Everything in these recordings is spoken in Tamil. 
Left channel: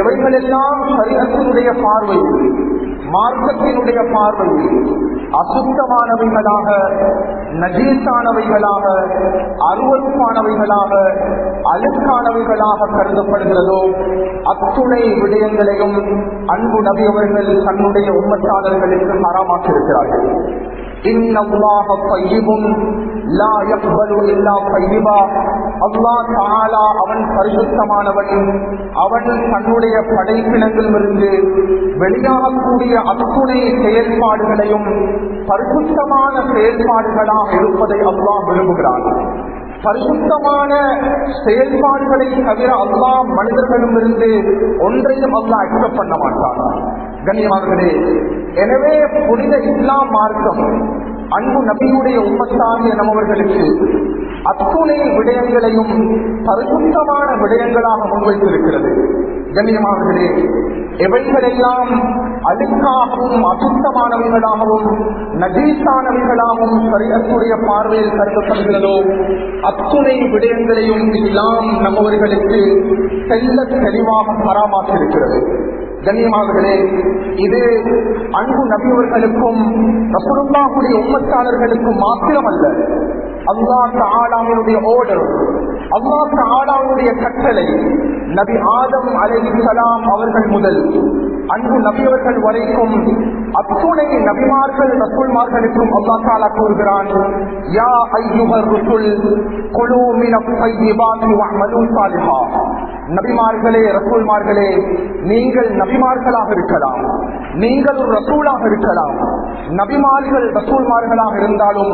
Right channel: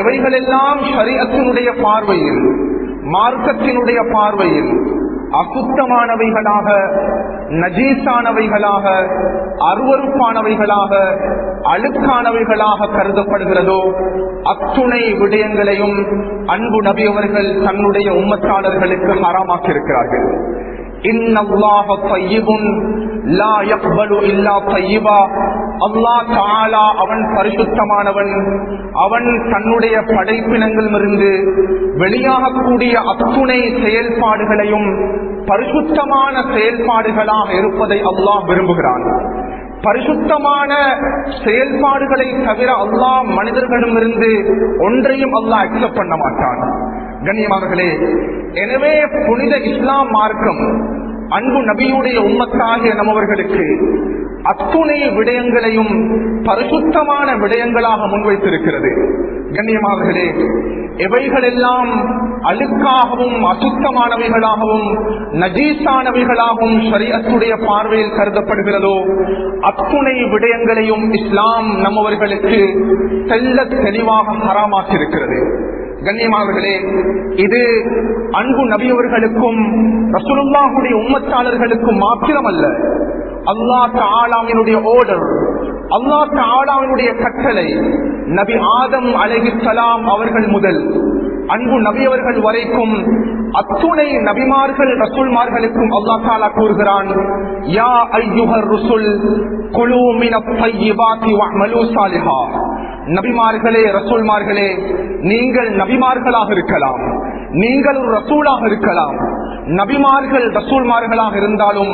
எவைகளெல்லாம் ஷரீஅத்தினுடைய பார்வையில், மார்க்கத்தினுடைய பார்வையில் அசுத்தமானவைகளாக, நஜீஸானவைகளாக, அருவருப்பானவைகளாக, அழுக்கானவைகளாக கருதப்படுகிறதோ அத்துணை விடயங்களையும் அன்பு நபி அவர்கள் தன்னுடைய உம்மத்தாளர்களுக்கு ஹராமாக்கியிருக்கிறார்கள். இன்னல்லாஹ தய்யிபுன் லா யக்பலு இல்லா தய்யிபா. அல்லாஹ் தஆலா அவன் பரிசுத்தமானவன். அவன் தன்னுடைய படைப்பினங்களிலிருந்து வெளியாகக்கூடிய அத்துணை செயல்பாடுகளையும் பரிசுத்தமான செயல்பாடுகளாக இருப்பதை அல்லாஹ் விரும்புகிறான். பரிசுத்தமான செயல்பாடுகளை தவிர அல்லாஹ் மனிதர்களிடமிருந்து ஒன்றையும் அல்லாஹ் அக்செப்ட் பண்ண மாட்டான். கண்ணியமானவர்களே, எனவே புனித இஸ்லாம் மார்க்கம் அன்பு நபியுடைய உம்மத்தாகிய நம்மவர்களுக்கு அத்துணை விடயங்களையும் பரிசுத்தமான விடயங்களாக முன்வைத்திருக்கிறது. கண்ணியமானவர்களே, எவைகளெல்லாம் அழுக்காகவும் அசுத்தமானவைகளாகவும் நஜீஸானவைகளாகவும் ஷரீஅத்துடைய பார்வையில் கருதப்படுகிறதோ அத்துணை விடயங்களையும் இஸ்லாம் நம்மவர்களுக்கு தெள்ளத் தெளிவாக ஹராமாக்கியிருக்கிறது. கண்ணியமானவர்களே, இது அன்பு நபியவர்களுக்கும் ரசூலுல்லாஹுடைய உம்மத்தாளர்களுக்கும் மாத்திரமல்ல, அல்லாஹ் தஆலாவினுடைய ஆர்டர், அல்லாஹ் தஆலாவினுடைய கட்டளை. நபி ஆதம் அலைஹிஸ்ஸலாம் அவர்கள் முதல் அன்பு நபியவர்கள் வரைக்கும் அத்துணை நபிமார்கள் ரசூல்மார்களுக்கும் அல்லாஹ் தஆலா கூறுகிறான், யா அய்யுஹர் ருசுல் குலூ மினத் தய்யிபாத்தி வஅமலூ ஸாலிஹா. நபிமார்களே, ரசூல்மார்களே, நீங்கள் நபிமார்களாக இருக்கலாம், நீங்கள் ஒரு ரசூலாக இருக்கலாம். நபிமார்கள் ரசூல்மார்களாக இருந்தாலும்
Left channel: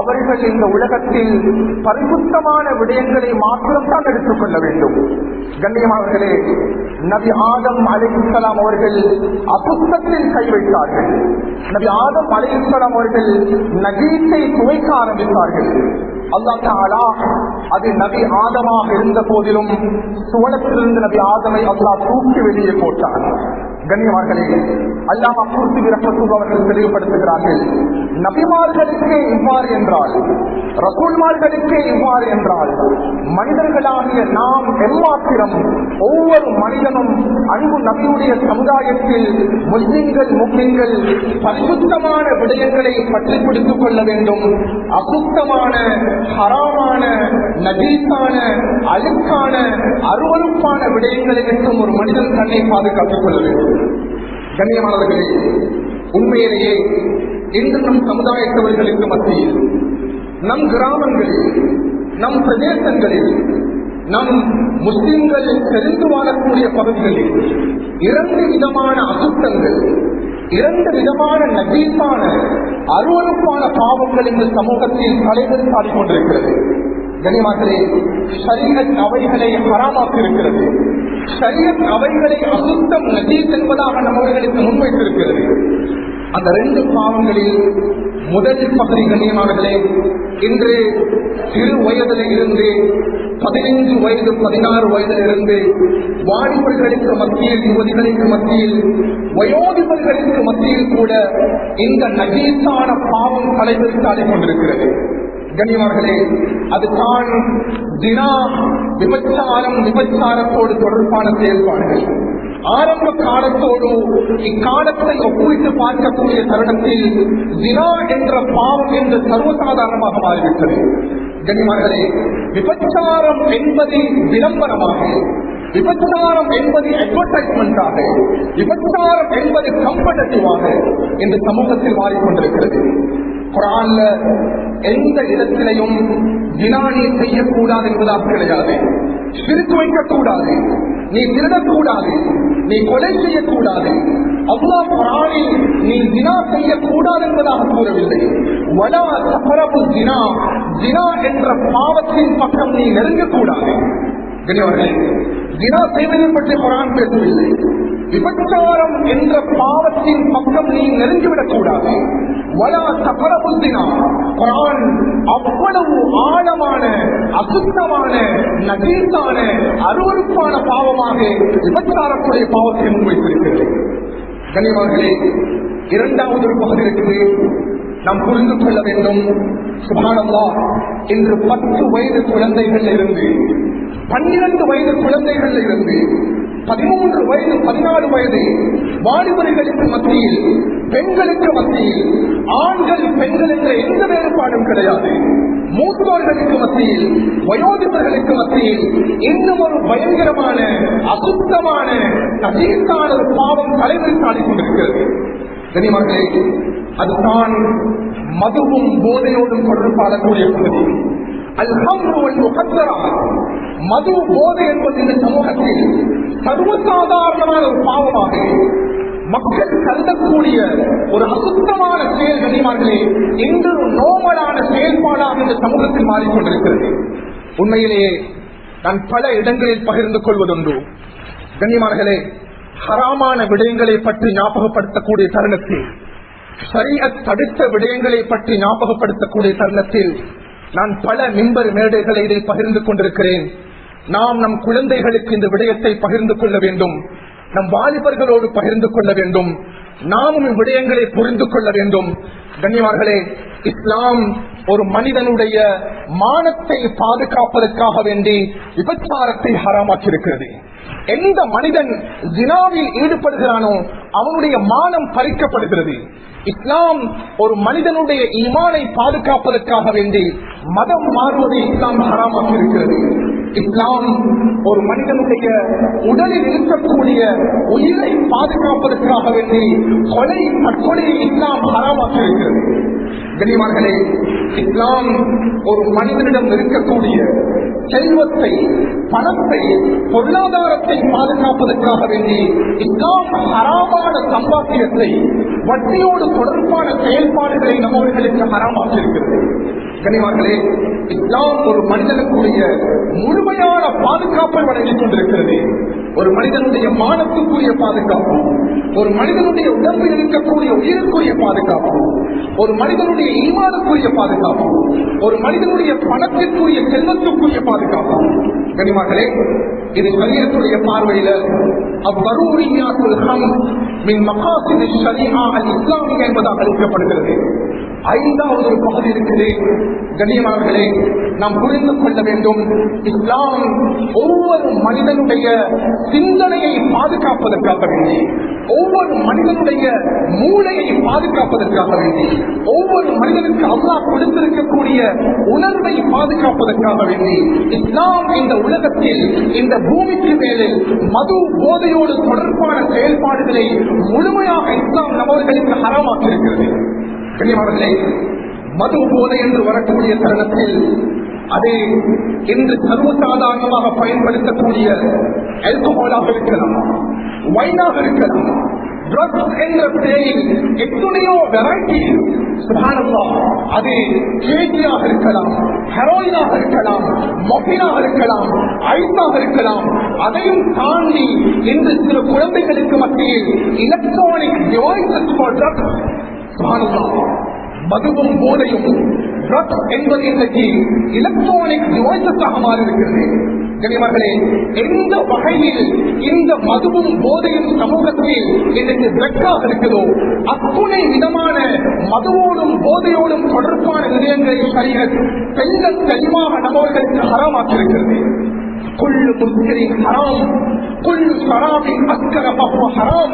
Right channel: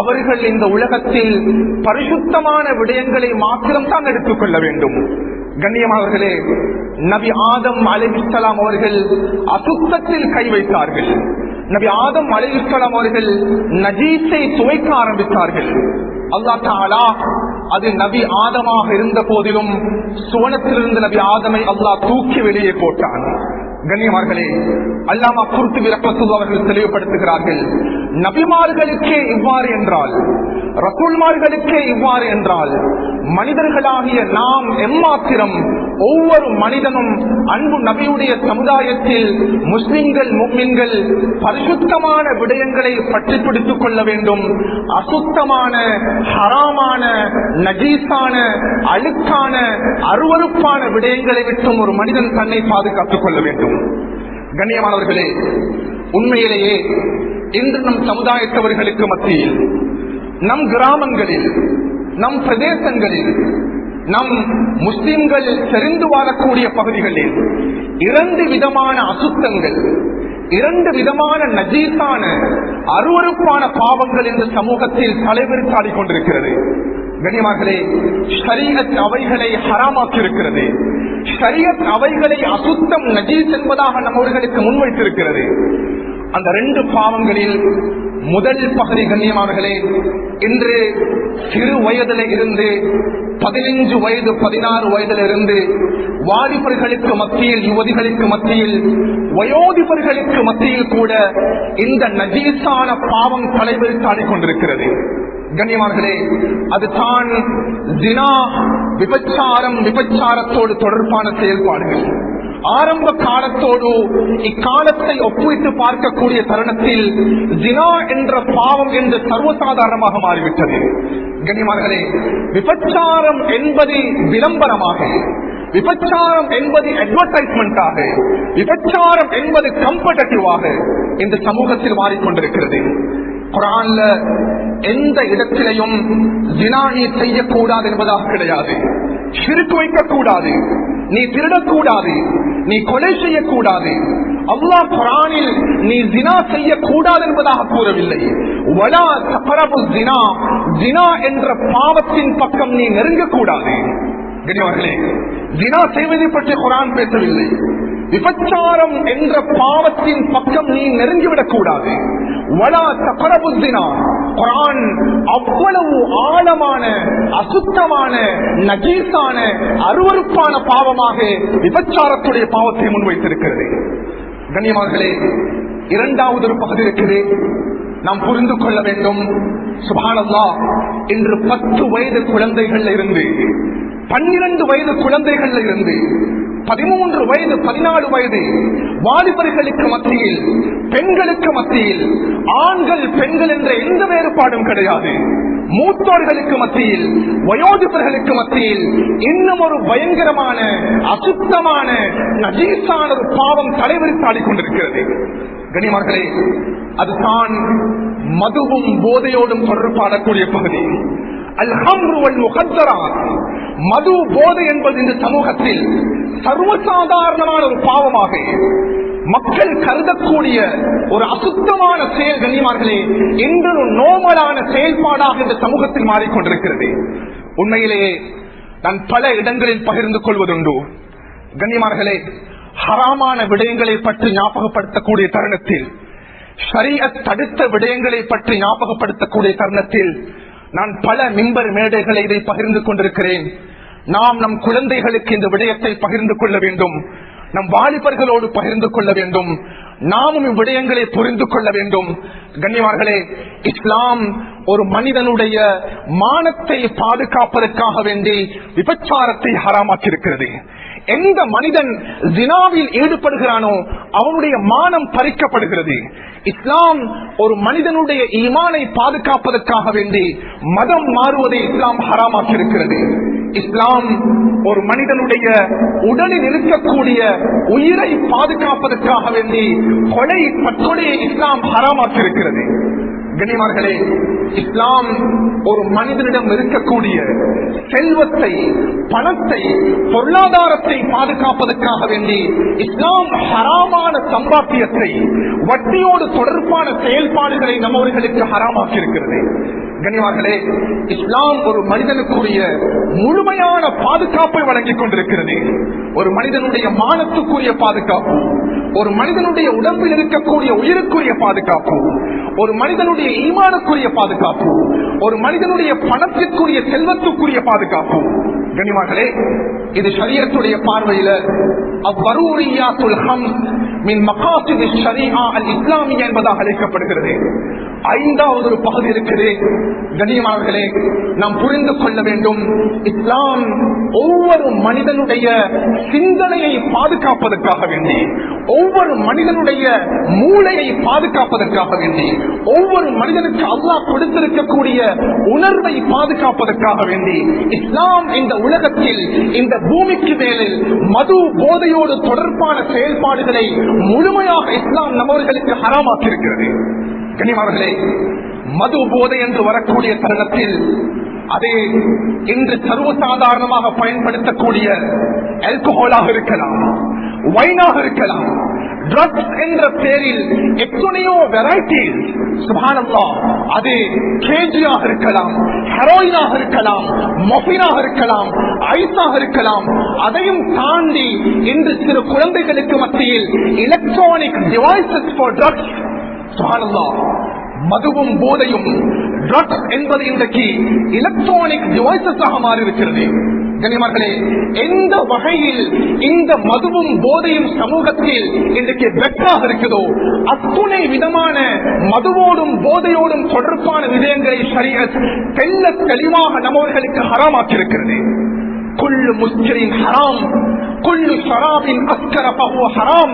அவர்கள் இந்த உலகத்தில் பரிசுத்தமான விடயங்களை மாத்திரம் தான் எடுத்துக் கொள்ள வேண்டும். கண்ணியமானவர்களே, நபி ஆதம் அலைஹிஸ்ஸலாம் அவர்கள் அசுத்தத்தில் கை வைத்தார்கள். நபி ஆதம் அலைஹிஸ்ஸலாம் அவர்கள் நஜீஸை துவைக்க ஆரம்பித்தார்கள். அல்லாஹ் தஆலா அது நபி ஆதமாக இருந்த போதிலும் சுவனத்திலிருந்து நபி ஆதமை அல்லாஹ் தூக்கி வெளியே போட்டான். கண்ணியமார்களே, அல்லாஹ் குர்துபி ரஹ்மத்துல்லாஹி அவர்கள் தெளிவுபடுத்துகிறார்கள், நபிமார்களுக்கே இவ்வாறு என்றால், ரசூல்மார்களுக்கே இவ்வாறு என்றால், மனிதர்களாகிய நாம் எம்மாத்திரம் ஒவ்வொரு மனிதனும் அன்பு நபியுடைய சமுதாயத்தில் முஸ்லிம்கள் முஸ்லிம்கள் பரிசுத்தமான விடயங்களை பற்றி பிடித்துக் கொள்ள வேண்டும். அசுத்தமான, ஹராமான, நஜீஸான, அழுக்கான, அருவருப்பான விடயங்களை விட்டும் ஒரு மனிதன் தன்னை பாதுகாத்துக் கொள்ள வேண்டும். கண்ணியமானவர்களே, உண்மையிலேயே இன்று நம் சமுதாயத்தவர்களுக்கு மத்தியில், நம் கிராமங்களில், நம் பிரதேசங்களில், நம் முஸ்லிம்கள் செறிந்து வாழக்கூடிய பகுதிகளில் இரண்டு விதமான அசுத்தங்கள், இரண்டு விதமான நஜீஸான அருவருப்பான பாவங்கள் இந்த சமூகத்தில் தலைவெடுத்தாடிக் கொண்டிருக்கிறது. கண்ணியமானவர்களே, ஷரீஅத் அவைகளை ஹராமாக்கியிருக்கிறது. ஷரீஅத் அவைகளை அசுத்தம், நஜீஸ் என்பதாக நம்மவர்களுக்கு முன்வைத்திருக்கிறது. அந்த ரெண்டு பாவங்களில் முதல் பகுதி, கண்ணியமானவர்களே, இன்று சிறு வயதில் இருந்து 15 வயது 16 வயதில் இருந்து வாலிபர்களுக்கு மத்தியில், யுவதிகளுக்கு மத்தியில், வயோதிபர்களுக்கு மத்தியில் கூட இந்த நஜீஸான பாவம் தலைவெடுத்தாடிக் கொண்டிருக்கிறது. கண்ணியமானவர்களே, அது தான் ஜினா, விபச்சாரம், விபச்சாரத்தோடு தொடர்பான செயல்பாடுகள். ஆரம்ப காலத்தோடு இக்காலத்தை ஒப்புவித்து பார்க்கக்கூடிய தருணத்தில் ஜினா என்ற பாவம் என்று சர்வசாதாரணமாக மாறிவிட்டது. கண்ணியமானவர்களே, விபச்சாரம் என்பது விளம்பரமாக, விபச்சாரம் என்பது அட்வர்டைஸ்மெண்டாக, விபச்சாரம் என்பது கம்பெட்டிட்டிவாக இந்த சமூகத்தில் மாறிக்கொண்டிருக்கிறது. குர்ஆன்ல எந்த இடத்திலையும் ஜினா நீ செய்யக்கூடாது என்பதாக கிடையாது. ஷிர்க் வைக்கக்கூடாது, நீ திருடக்கூடாது, நீ கொலை செய்யக்கூடாது. அல்லாஹ் குர்ஆனில் நீ ஜினா செய்யக்கூடாது என்பதாக கூறவில்லை. வலா தக்ரபு ஜினா, ஜினா என்ற பாவத்தின் பக்கம் நீ நெருங்கக்கூடாது. கண்ணியமானவர்களே, ஜினா செய்வதை பற்றி குர்ஆன் பேசவில்லை. விபச்சாரம் என்ற பாவத்தின் பக்கம் நீ நெருங்கிவிடக் கூடாது. வலா தக்ரபு ஜினா, குர்ஆன் அவ்வளவு ஆழமான, அசுத்தமான, நஜீஸான, அருவருப்பான பாவமாக விபச்சாரத்துடைய பாவத்தை முன்வைத்திருக்கிறது. கண்ணியமானவர்களே, இரண்டாவது ஒரு பகுதி இருக்குது, நாம் புரிந்து கொள்ள வேண்டும். சுப்ஹானல்லாஹ், இன்று 10 வயது குழந்தைகள் இருந்து 12 வயது குழந்தைகள் இருந்து 13 வயது 14 வயது வாலிபர்களுக்கு மத்தியில், பெண்களுக்கு மத்தியில், ஆண்கள் பெண்கள் என்ற எந்த வேறுபாடும் கிடையாது. மூத்தோர்களுக்கு மத்தியில், வயோதிபர்களுக்கு மத்தியில் இன்னும் ஒரு பயங்கரமான அசுத்தமான நஜீசான ஒரு பாவம் தலைவருக்கு ஆடிக்கொண்டிருக்கிறது. கனிமர்களே, அதுதான் மதுவும் போதையோடும் தொடர்பாடக்கூடிய பகுதி. மது போதை என்பது இந்த சமூகத்தில் சர்வசாதாரணமான ஒரு பாவமாக மக்கள் கருதக்கூடிய ஒரு அசுத்தமான செயல் கண்ணியமார்களே என்ற ஒரு நோமலான செயல்பாடாக இந்த சமூகத்தில் மாறிக்கொண்டிருக்கிறது. உண்மையிலேயே நான் பல இடங்களில் பகிர்ந்து கொள்வதுண்டு. கண்ணியமார்களே, ஹராமான விடயங்களை பற்றி ஞாபகப்படுத்தக்கூடிய தருணத்தில், ஷரீஅத் தடுத்த விடயங்களை பற்றி ஞாபகப்படுத்தக்கூடிய தருணத்தில் நான் பல மிம்பர் மேடைகளை இதை பகிர்ந்து கொண்டிருக்கிறேன். நாம் நம் குழந்தைகளுக்கு இந்த விடயத்தை பகிர்ந்து கொள்ள வேண்டும், நம் வாலிபர்களோடு பகிர்ந்து கொள்ள வேண்டும், நாமும் இவ்விடயங்களை புரிந்து கொள்ள வேண்டும். கண்ணியமார்களே, இஸ்லாம் ஒரு மனிதனுடைய மானத்தை பாதுகாப்பதற்காக வேண்டி விபச்சாரத்தை ஹராமாக்கியிருக்கிறது. எந்த மனிதன் ஜினாவில் ஈடுபடுகிறானோ அவனுடைய மானம் பறிக்கப்படுகிறது. இஸ்லாம் ஒரு மனிதனுடைய ஈமானை பாதுகாப்பதற்காக வேண்டி மதம் மாறுவதை இஸ்லாம் ஹராமாக்கியிருக்கிறது. இஸ்லாம் ஒரு மனிதனுடைய உடலில் இருக்கக்கூடிய உயிரை பாதுகாப்பதற்காக வேண்டி தற்கொலையை இஸ்லாம் ஹராமாக்கியிருக்கிறது. கண்ணியமார்களே, இஸ்லாம் ஒரு மனிதனிடம் இருக்கக்கூடிய செல்வத்தை, பணத்தை, பொருளாதாரத்தை பாதுகாப்பதற்காக வேண்டி இஸ்லாம் ஹராமான சம்பாத்தியத்தை, வட்டியோடு தொடர்பான செயல்பாடுகளை நம்மவர்களுக்கு ஹராமாக்கியிருக்கிறது. கண்ணியமார்களே, இஸ்லாம் ஒரு மனிதனுக்குரிய முழுமையான பாதுகாப்பை வழங்கிக் கொண்டிருக்கிறது. ஒரு மனிதனுடைய மானத்துக்குரிய பாதுகாப்பு, ஒரு மனிதனுடைய உடம்பில் இருக்கக்கூடிய உயிருக்குரிய பாதுகாப்பு, ஒரு மனிதனுடைய ஈமானுக்குரிய பாதுகாப்பு, ஒரு மனிதனுடைய பணத்திற்குரிய செல்வத்துக்குரிய பாதுகாப்பு. கண்ணியமார்களே, இது ஷரியத்துடைய பார்வையில அவ்வரூரியாத்துல் ஹம்ஸ் மின் மகாசித் ஷரீஆ அல் இஸ்லாமியா என்பதாக அழைக்கப்படுகிறது. 5வது ஒரு பகுதி இருக்குது. கண்ணியமானவர்களே, நாம் புரிந்து கொள்ள வேண்டும், இஸ்லாம் ஒவ்வொரு மனிதனுடைய சிந்தனையை பாதுகாப்பதற்காக வேண்டி, ஒவ்வொரு மனிதனுடைய மூளையை பாதுகாப்பதற்காக வேண்டி, ஒவ்வொரு மனிதனுக்கு அல்லாஹ் கொடுத்திருக்கக்கூடிய உணர்வை பாதுகாப்பதற்காக வேண்டி இஸ்லாம் இந்த உலகத்தில், இந்த பூமிக்கு மேலில் மது போதையோடு தொடர்பான செயல்பாடுகளை முழுமையாக இஸ்லாம் நம்மவர்களுக்கு ஹராமாக்கியிருக்கிறது. கண்ணியமானவர்களே, மது போதை என்று வரக்கூடிய தருணத்தில் அதே இன்று சர்வசாதாரணமாக பயன்படுத்தக்கூடிய ஆல்கஹாலாக இருக்கலாம், வைனாக இருக்கலாம், ட்ரக்ஸ் என்ற பெயரில் எத்தனையோ வெரைட்டி, சுப்ஹானல்லாஹ், அது கேஜியாக இருக்கலாம், ஹெரோயினாக இருக்கலாம், மொஃபினாக இருக்கலாம், ஐஸாக இருக்கலாம். அதையும் தாண்டி இன்று சில குழந்தைகளுக்கு மத்தியில் எலக்ட்ரானிக் டிவைசஸ் ஃபார் ட்ரக்ஸ், மதுவும் போதையும் ட்ரக்ஸ் என்பது இன்றைக்கு எலக்ட்ரானிக் டிவைசஸாக மாறியிருக்கிறது. கண்ணியமானவர்களே, எந்த வகையில் இந்த மதுவும் போதையும் சமூகத்தில் இன்றைக்கு வெற்றாக இருக்கிறதோ அத்துணை விதமான மதுவோடும் போதையோடும் தொடர்பான விடயங்களை ஷரீஅத் தெல்ல தெளிவாக நம்மவர்களுக்கு ஹராமாக்கியிருக்கிறது. كل مسكر حرام كل شراب أسكر فهو حرام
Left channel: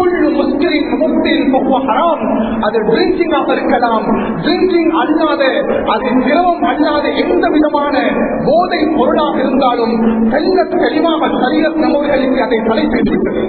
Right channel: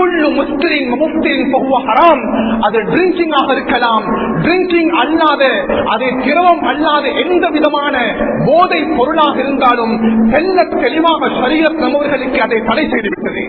كل مسكر مفتر فهو حرام. அது ட்ரிங்கிங் ஆக இருக்கலாம், ட்ரிங்கிங் அல்லாத, அது திரவம் அல்லாத எந்த விதமான போதை பொருளாக இருந்தாலும் தெல்ல தெளிவாக ஷரீஅத் நம்மவர்களுக்கு அதை தடை செய்துவிட்டது.